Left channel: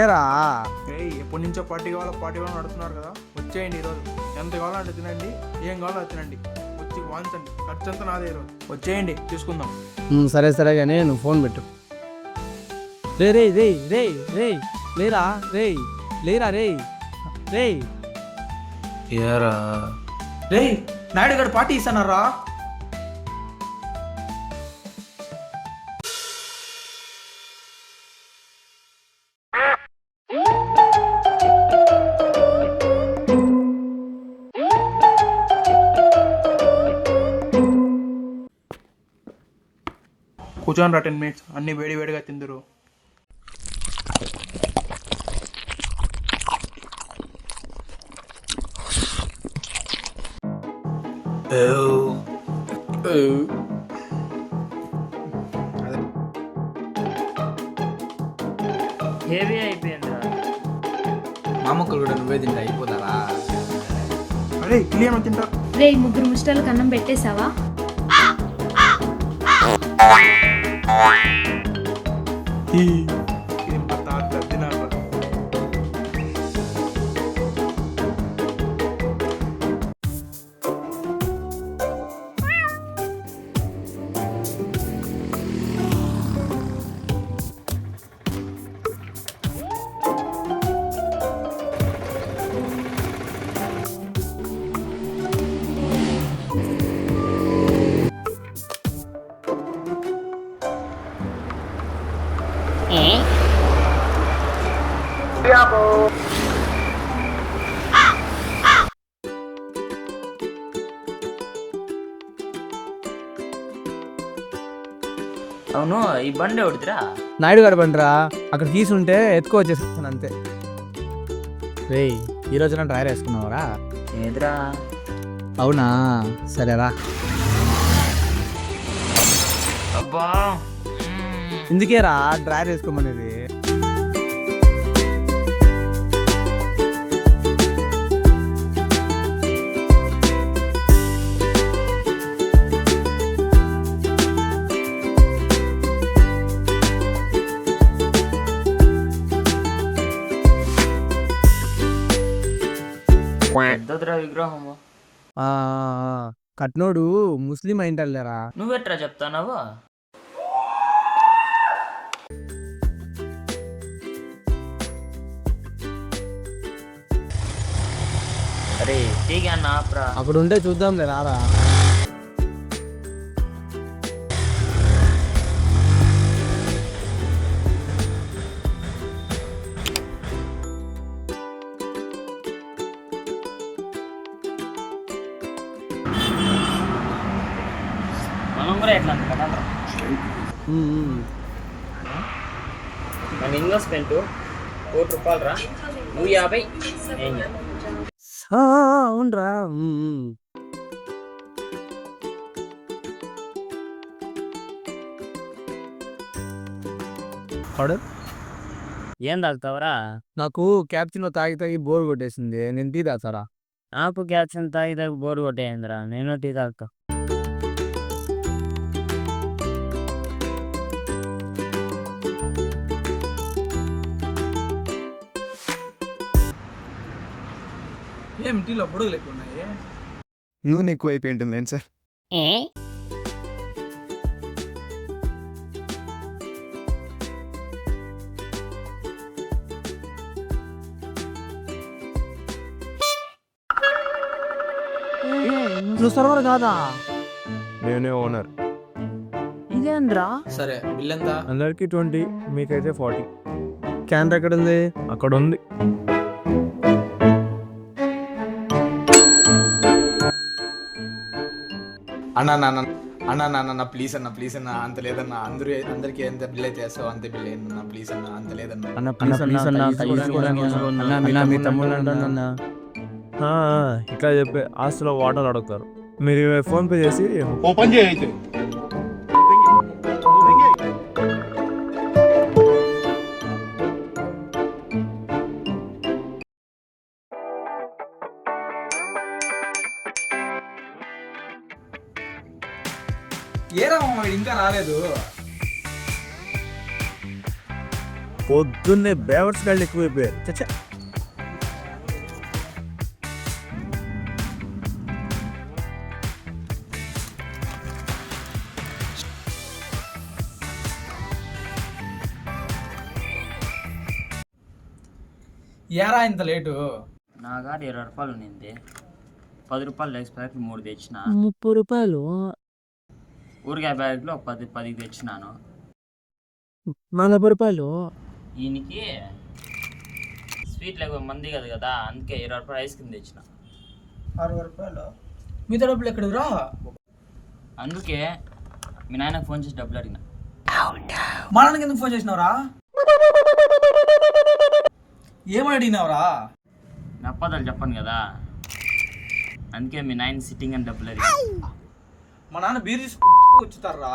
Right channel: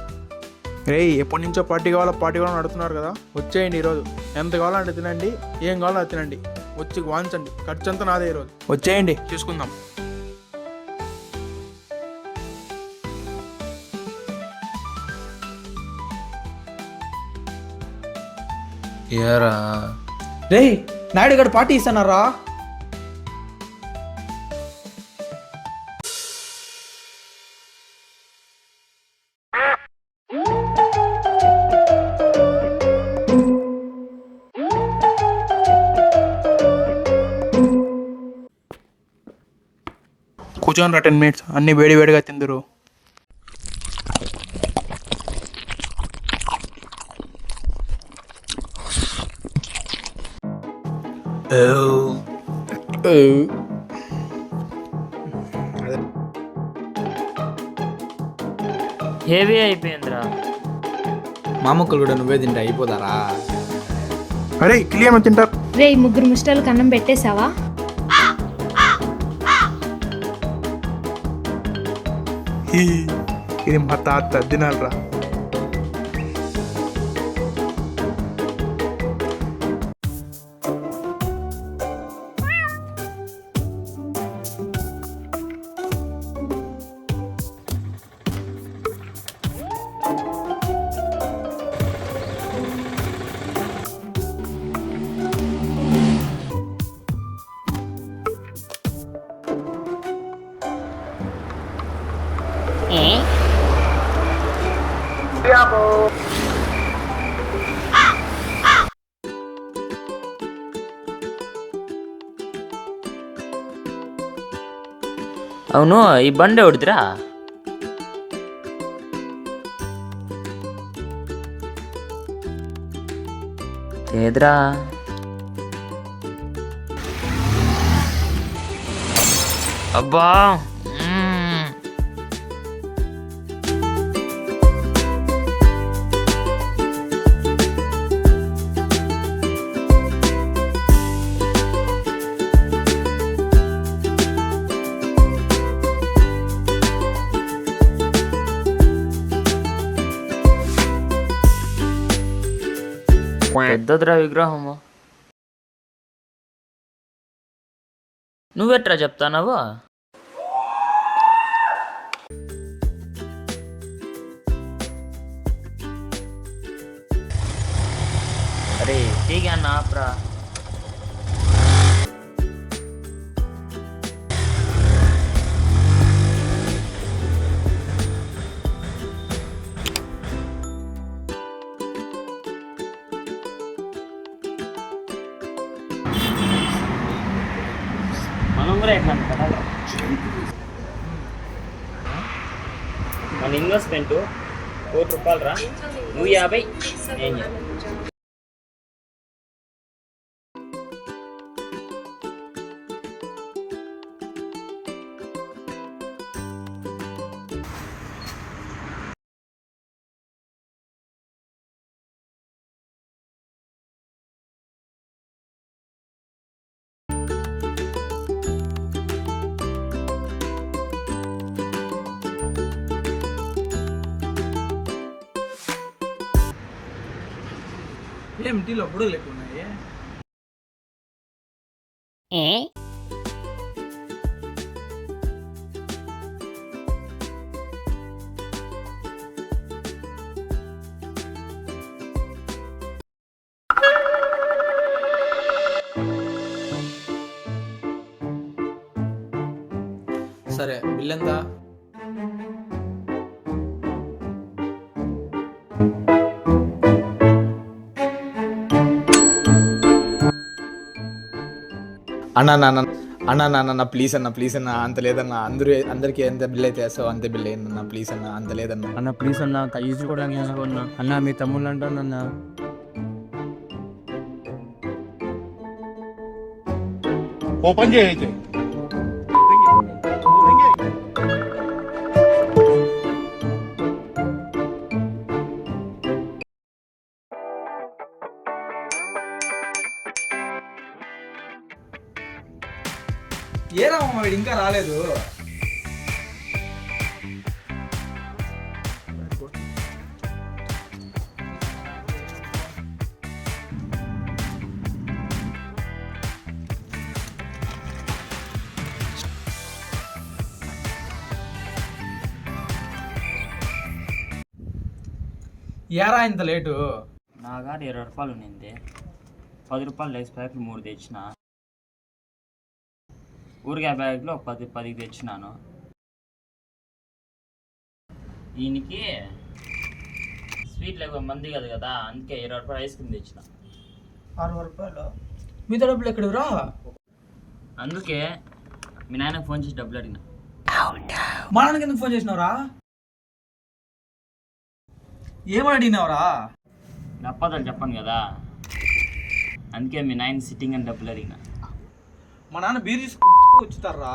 ఏరా ఎప్పటి నుంచో పార్టీ కావాలని అడుగుతున్నారు కదా, వచ్చేయండి ఈరోజు. ఎంత కావాలంటే తినండి, ఏం కావాలో అది తినండి, వచ్చి వాంచండి. ఖర్చు అంతా నాదే ఈరోజు. వచ్చేయండి, చూసుకుందాం. సరే సరే కానీ నువ్వు ఫోన్ పెట్టు. రే రే రే రే రే లేరా రే లేరా రే రే ఏరా రే నాయుడు గారు పార్టీ ఇస్తున్నారా? కూర్చోని రా, 10 minutes అన్ని వేడి వేడిగా తిందురు. హెవీ అయిపోయిందిరా. మామక్కలు కూడా నువ్వే తింటే అయిపోతారా? అరే ఇడ్లీ ఏమో తింటారు? రే ముగ్గురు ముస్టర్లకు అన్నం పెట్టేశావా? ఇది మా తాత తినారా. అవును, ఈ బండి ఎవడిదిరా? నాయుడు గారు బండిరా, అక్కడ తీసుంటే ఎత్తుకో వచ్చేస్తాను అంతే. రే ఈ రోజున డ్రైవర్ వేసుకున్నావరా? ఏదిరా? అవునా, సరేరా. అబ్బా ఇందుకేరా డ్రైవర్ వేసుకోమనేది. పెద్దదిరా విగ్రహము. కట్నోడు ముస్లిం అయింటారులేరా. నువ్వెట్రా చెప్తానవు? అరే ఠీక్ అన్న ఆప్రా. అక్కడ ఉంటే చూద్దాంలే రారా. మనం కూడా ఎట్లా కట్టాలి? మన ఇన్వెస్ట్మెంట్ ₹1,00,00,000 రా. నువ్వు 50, నేను 50. అవునరా. ఏం తాగుతావరా? నాకు క్యాప్చినో తాగి తాగి బోర్ కొట్టేసింది, నేను టీ తాగుతారా? నాకు క్యాప్షన్ తాగి తాగి బోర్ కొట్టేయండిరా, నేను టీ తాగుతా. ఏం టీలో బుడుగు లేకున్నాయి? నూనె ఎక్కువ అయిపోయి ఉంటుంది ఏం సార్? నువ్వు సర్వర్ కాదా? నేనే ఓనర్. ఇదేంద్రా? సరే బిల్ ఎంత? అందరికి 20, మీకైతే 40. క్యాన్ ఎక్కడ ఉంది? అక్కడ ఉంది. అన్న ప్లీజ్ అన్న అంత లేదన్నా అందరికి ఎంత బిల్ అయితే వేస్తావు అంతే బిల్ అయ్యిందన్న ప్లీజ్ అన్న అంత లేదన్నా. అన్న ప్లీజ్ అన్న అన్న మీ తమ్ముడు ఇట్లా చెప్పి ఆస్తిలో వాటర్ అడుగుతారు. మీరు ఫోన్ పే చేసి ఏరా వీడు ఇంకా రాలేదు. పొద్దున్నే బేవర్స్ గాళ్ళు ఎక్కువైపోయారు. చచ్చా ఏరా ఇంత లేటు? నా కాడ 20 రూపాయలు ఉన్నింది. 10 రూపాయలు లెగ్స్ ప్యాకెట్లు 3 తెచ్చిన. 30 రూపాయలు ఊరికాయ ప్యాకెట్లు ఒక 10 తెచ్చినాను. 40 రూపాయలు. దీనికి స్వీట్లు ఎక్కువ మంది కదా అందుకే 20 రూపాయలు ఐస్ క్రీమ్ తెచ్చిన. 60 రూపాయలు మీతో డబ్బులు ఎక్కడిరా? అందుకే మీ నాయనకు ఫోన్ చేసి డబ్బులు అడిగిన. మా నాన్నకి ఎందుకు ఫోన్ చేసినావురా? ఏమని అడిగినావురా? నా అప్పదాలు చెప్పను కదా అందుకే మీ నాయన సిట్టింగ్ అని డబ్బులు అడిగిన. మా నాన్న బీర్ తీసుకు వచ్చుతారా?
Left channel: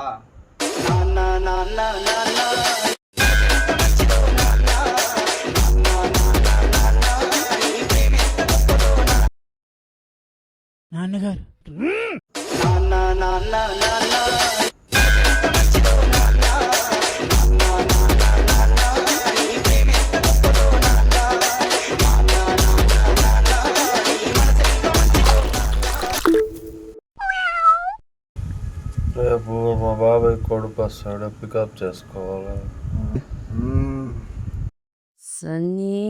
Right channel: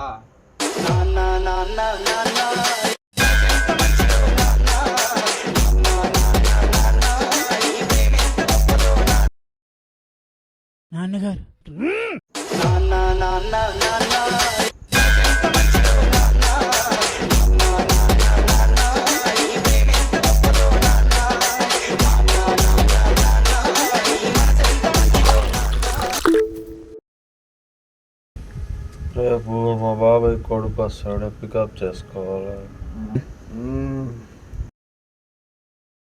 నాన్నగారు రేపు మా బాబాయ్ కొడుకు వస్తాడు, పికప్ చేసుకోవాలి. సన్నీ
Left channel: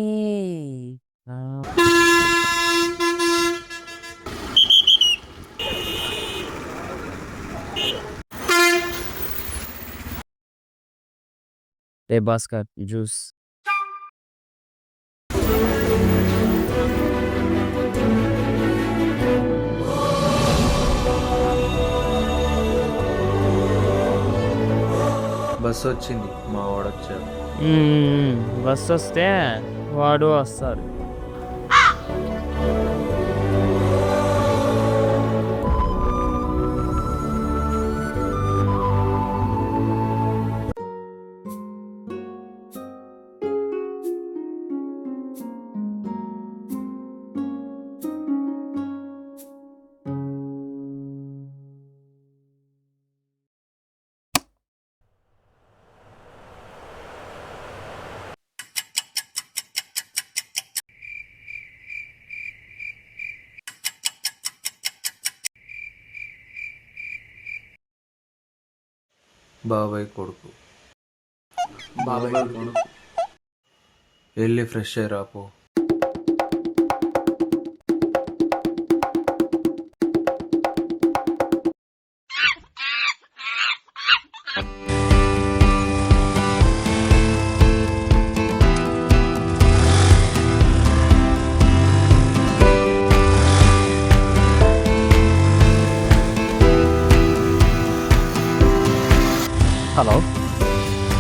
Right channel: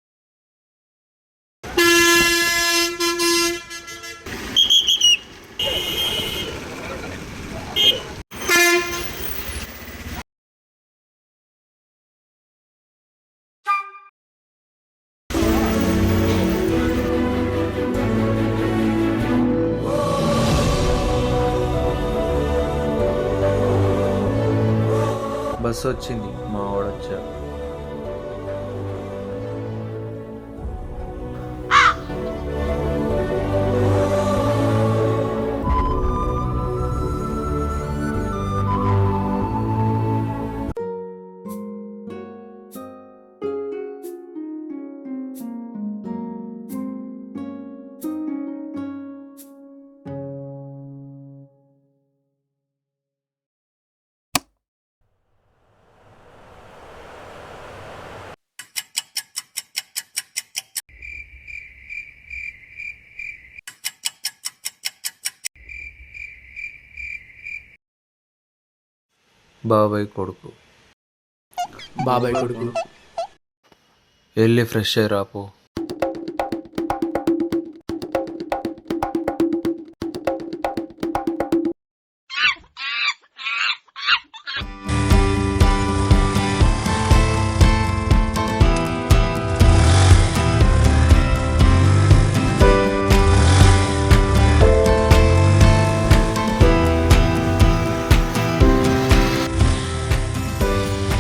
రే భాస్కర్ జ్యూస్. బస్సు వచ్చింది, మా వాడొచ్చాడు. బస్సు వస్తే వాడు వస్తారు. బాబాయ్ కొడుకు బాబాయ్ వెళ్ళి ఫ్రెష్ అయ్యి రాపో.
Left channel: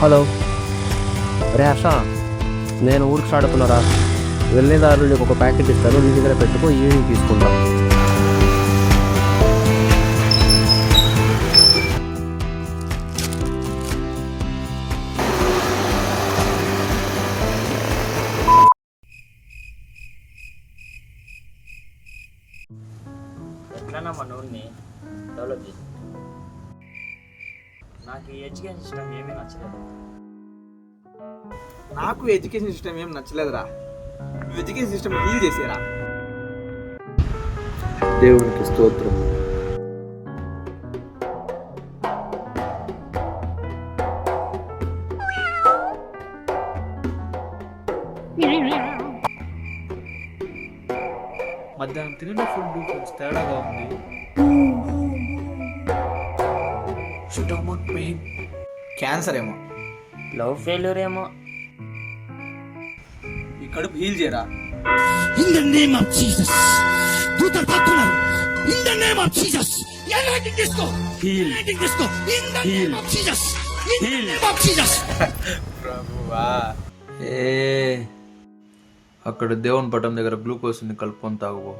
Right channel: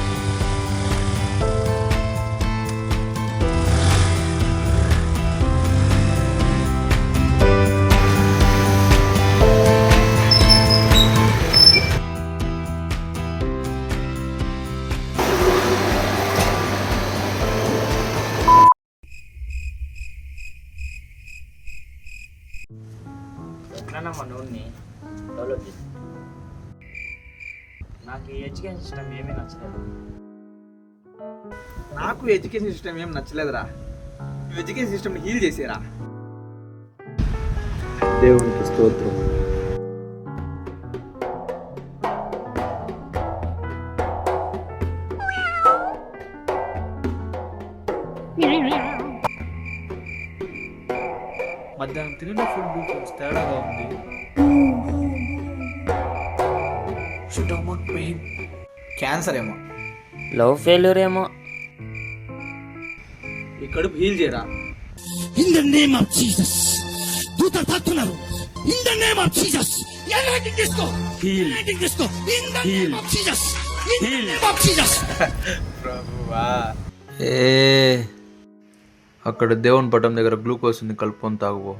హలో రే హర్ష, నేను ఊరికి స్టార్ట్ అవుతున్నారా? వెళ్ళేదారు నీకు ఒక ప్యాకెట్ ఇస్తారు, నీ దగ్గర పెట్టుకో, ఏమి తీసుకుంటాను. ఎట్లన్నా మా నోడిని డెవలప్ చేసి. నాకు ఈ ఎడ్యుకేషన్ సిస్టమ్ ఏమీ నచ్చలేదు. నాకు ఎడ్యుకేషన్ సిస్టమ్ ఏం నచ్చలేదురా. నువ్వు ఎడ్యుకేషన్ సిస్టమ్ హీల్ చేసేరా. దేవునికి స్తోత్రం. మధ్యాహ్నం తిరిగిన ఫుడ్ కొంచెం తేడాగా ఉంది. స్టమక్ పెయిన్, క్యాన్సర్ ఏమో, లవ్ ఫెయిల్యూర్ ఏమో. ఈ కడుపు హీల్ చేయరా. In the name of Jesus. దూతలు తాకుతున్నారు. In the name of Jesus. అక్కడ దేవుని పటం దగ్గర గ్లూకోజ్ ఉంది, కలుపుకొని తాగుబో.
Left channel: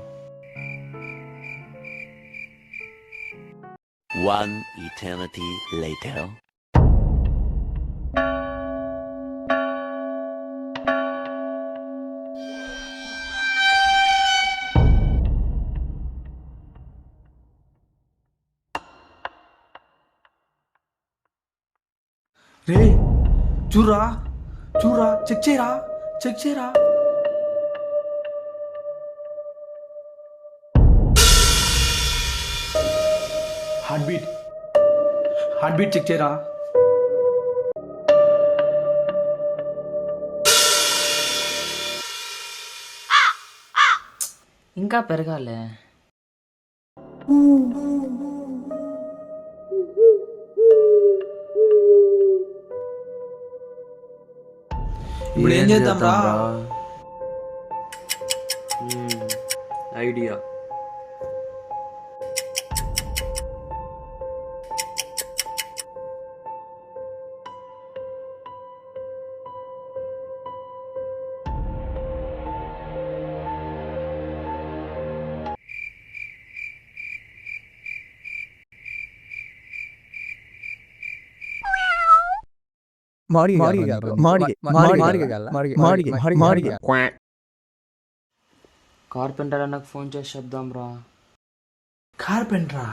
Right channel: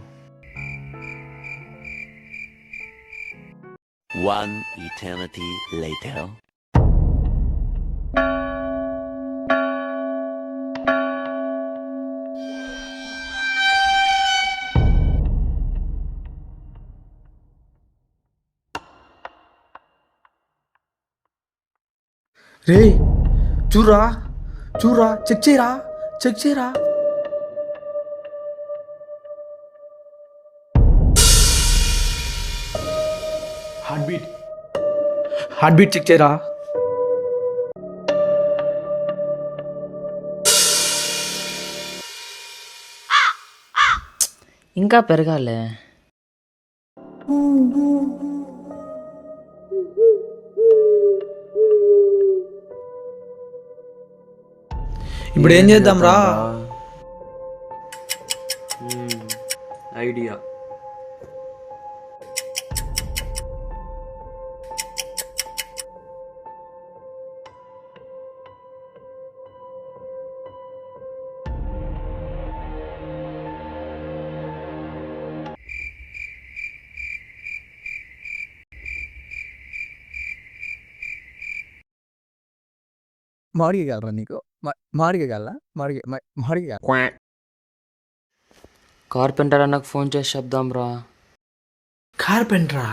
One eternity later. రే చూరా చూరా, చెక్ చేయరా, చెక్ చేయరా. హార్ట్ బీట్ చెక్ చేయరా. ఇంకా పెరగాలే. ఇప్పుడు ఏం చేద్దాం రా? ఐడియా. కార్పెంటర్ అన్నకు ఫోన్ చేసి చెప్దాం రా. కార్పెంటరా?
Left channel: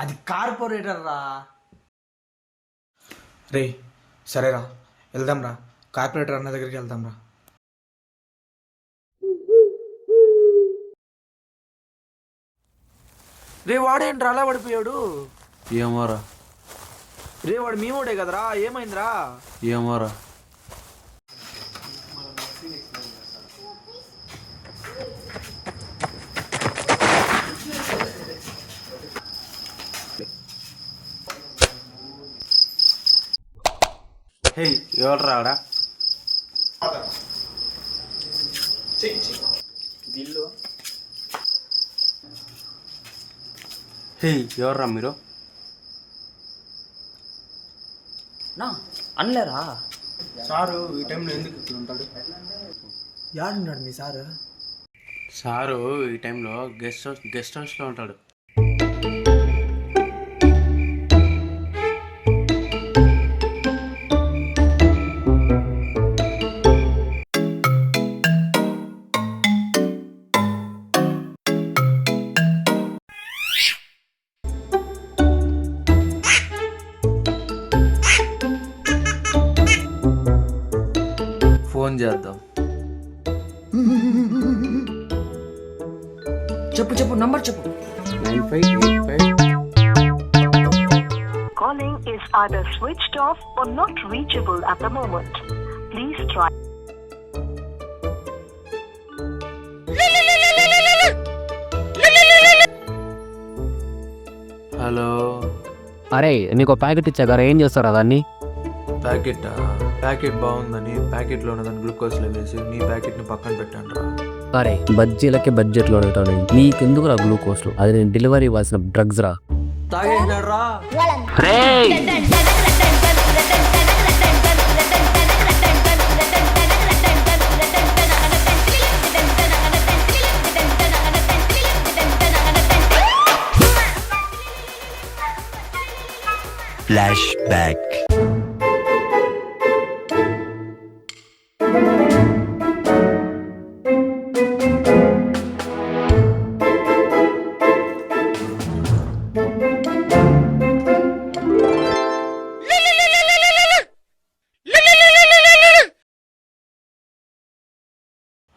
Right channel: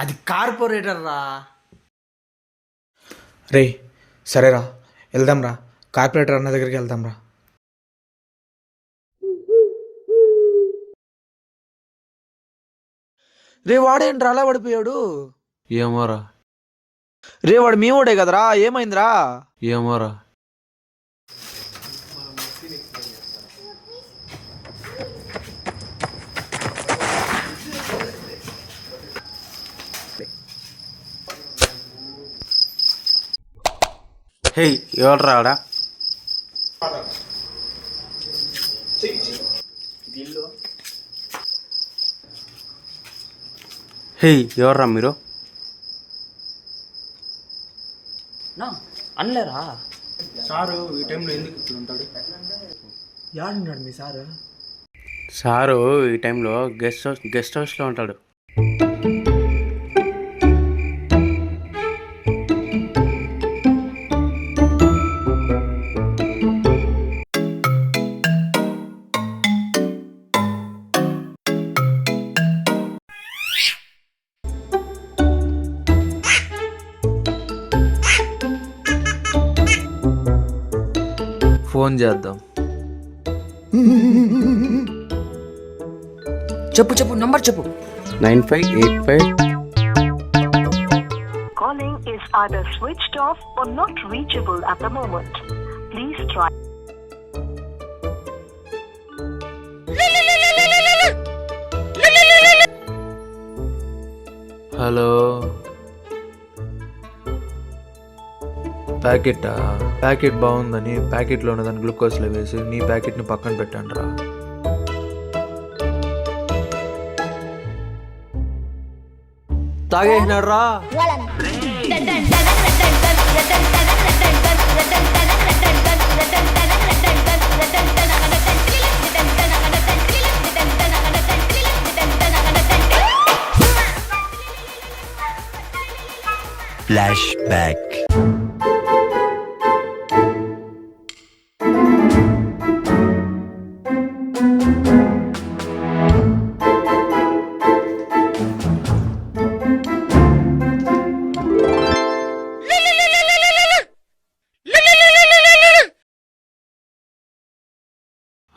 అది కార్పొరేటర్ రా. రే సరేరా, వెళ్దాం రా, కార్పొరేటర్ అన్న దగ్గరికి వెళ్దాం రా. రే వాడేంట్రా అలా పడిపోయాడు? ఏమోరా, రే వాడు మీ వాడే కదరా, ఏమైందిరా? ఏమోరా. హే ఎవరు రాడా? హే ఎవర్రా మీరు? నా అనలేరా? సారు ఈ టైంలో ఎందుకు ఇక్కడ ఉంటాడు? యాడున్నాడు మీ సార్? సారు ఈ టైంలో గెస్ట్ హౌస్లో ఉంటాడు. ఫోన్ చేద్దాం. చెప్పు చెప్పు, నంబర్ చెప్పు. 9585. Calling is either switched off or not reachable at the moment. Please try. Hello. అరే మీకు ప్యాకెట్ ఇచ్చా కదా, ఏం చేస్తారు దాన్ని? ప్యాకెట్ బాగుందని ప్యాకెట్లో ఉన్నదాన్ని గ్లూకోజ్లో వేసి నీ ప్యాకెట్ని పక్కన పెట్టండి రా. అరే బజ్జీలకే బడ్జెట్లో ఉంటాను, నీకెందుకు రా గ్లూకోజ్లు? అది నేను డెలివరీ ఇవ్వాల్సిన డ్రగ్స్ రా. తాగేసినాడు రా. Flashback.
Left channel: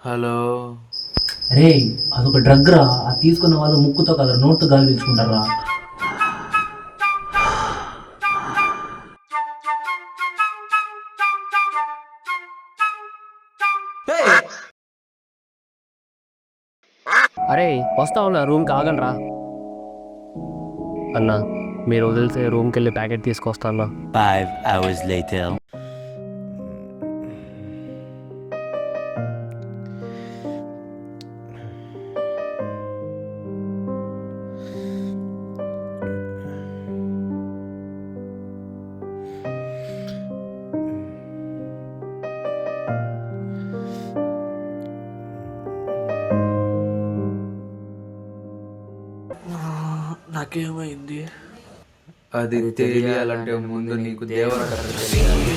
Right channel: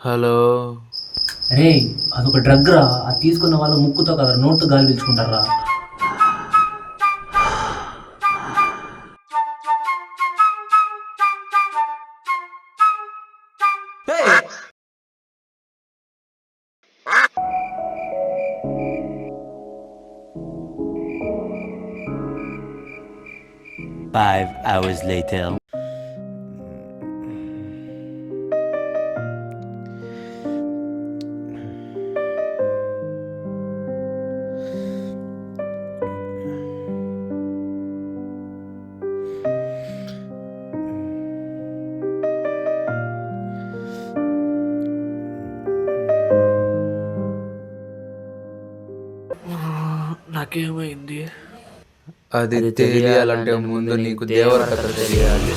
హలో. రే అదొక డ్రగ్ రా, అది తీసుకున్న వాళ్ళు ముక్కుతో కదా నోట్తో గాలి పీల్చుకుంటారా. అరే వస్తా ఉన్నా, రూమ్కి ఆగండి రా. అన్నా మీరు వదిలితే రూమ్కి వెళ్ళి ప్యాకెట్ తీసుకొస్తా అన్నా. 5 hours later. నాకేమైంది? అది తెలియాలంటే ముందు నీకు దేవర కథ తెలియాలి.